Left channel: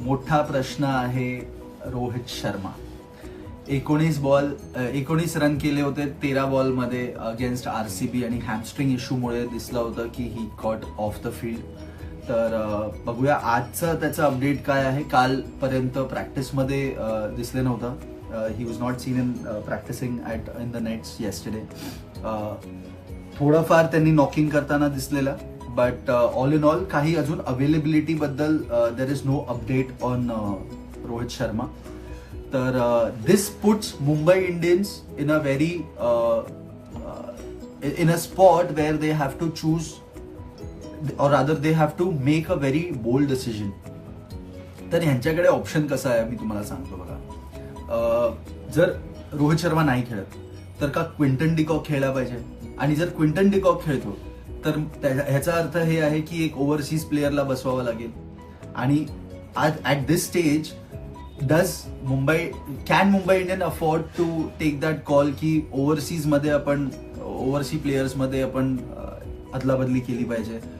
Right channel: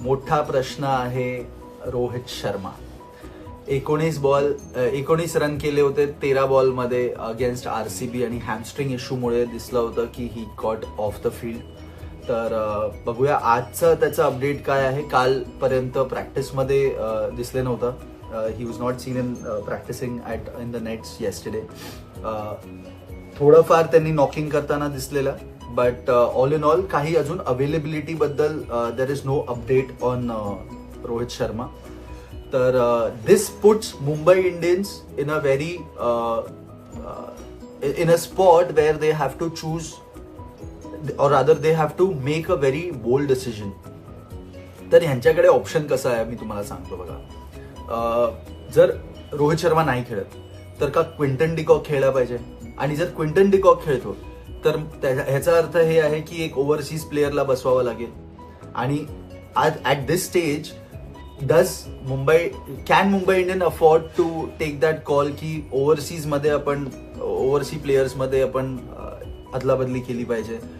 मोठा प्रश्न आहे रोहित शर्मा. 19 रन केले होते 13 बॉलमध्ये अगेन्स्ट आरसीबी आणि हॅमस्ट्रिंग इश्यूमुळे दिसलं होतं की he got off the field. तर बघूया आजचं त्याचं अपडेट काय आहे. कालपर्यंत प्रॅक्टिसमध्ये दिसले नव्हतं. He was not seen in practicing in the nets yesterday. थोडंफार त्यांनी नॉकिंग करताना दिसलेलं, बट ऑल इन ऑल काही अजून अवेलेबिलिटी बद्दल there is no update on Rohit Sharma. तर this puts Mumbai Indians in a very in a spot where they have to choose or rather they have to make a very bold decision. तर ह्यांच्याकडे option कसं आहे मी तुम्हाला सांगतो बघा. जर रोहित शर्मा नाही खेळत तर का क्विंटन डिकॉक खेळला पाहिजे, आणि जर क्विंटन डिकॉक खेळतो तर ह्याचा अर्थ हे आहे की एक ओव्हरसीज प्लेअरला बसवावं लागेल. आणि आज at this stage can Mumbai Indian afford to take that call की ओव्हरसीज प्लेयर्समध्ये आपण अदलाबदली केली पाहिजे.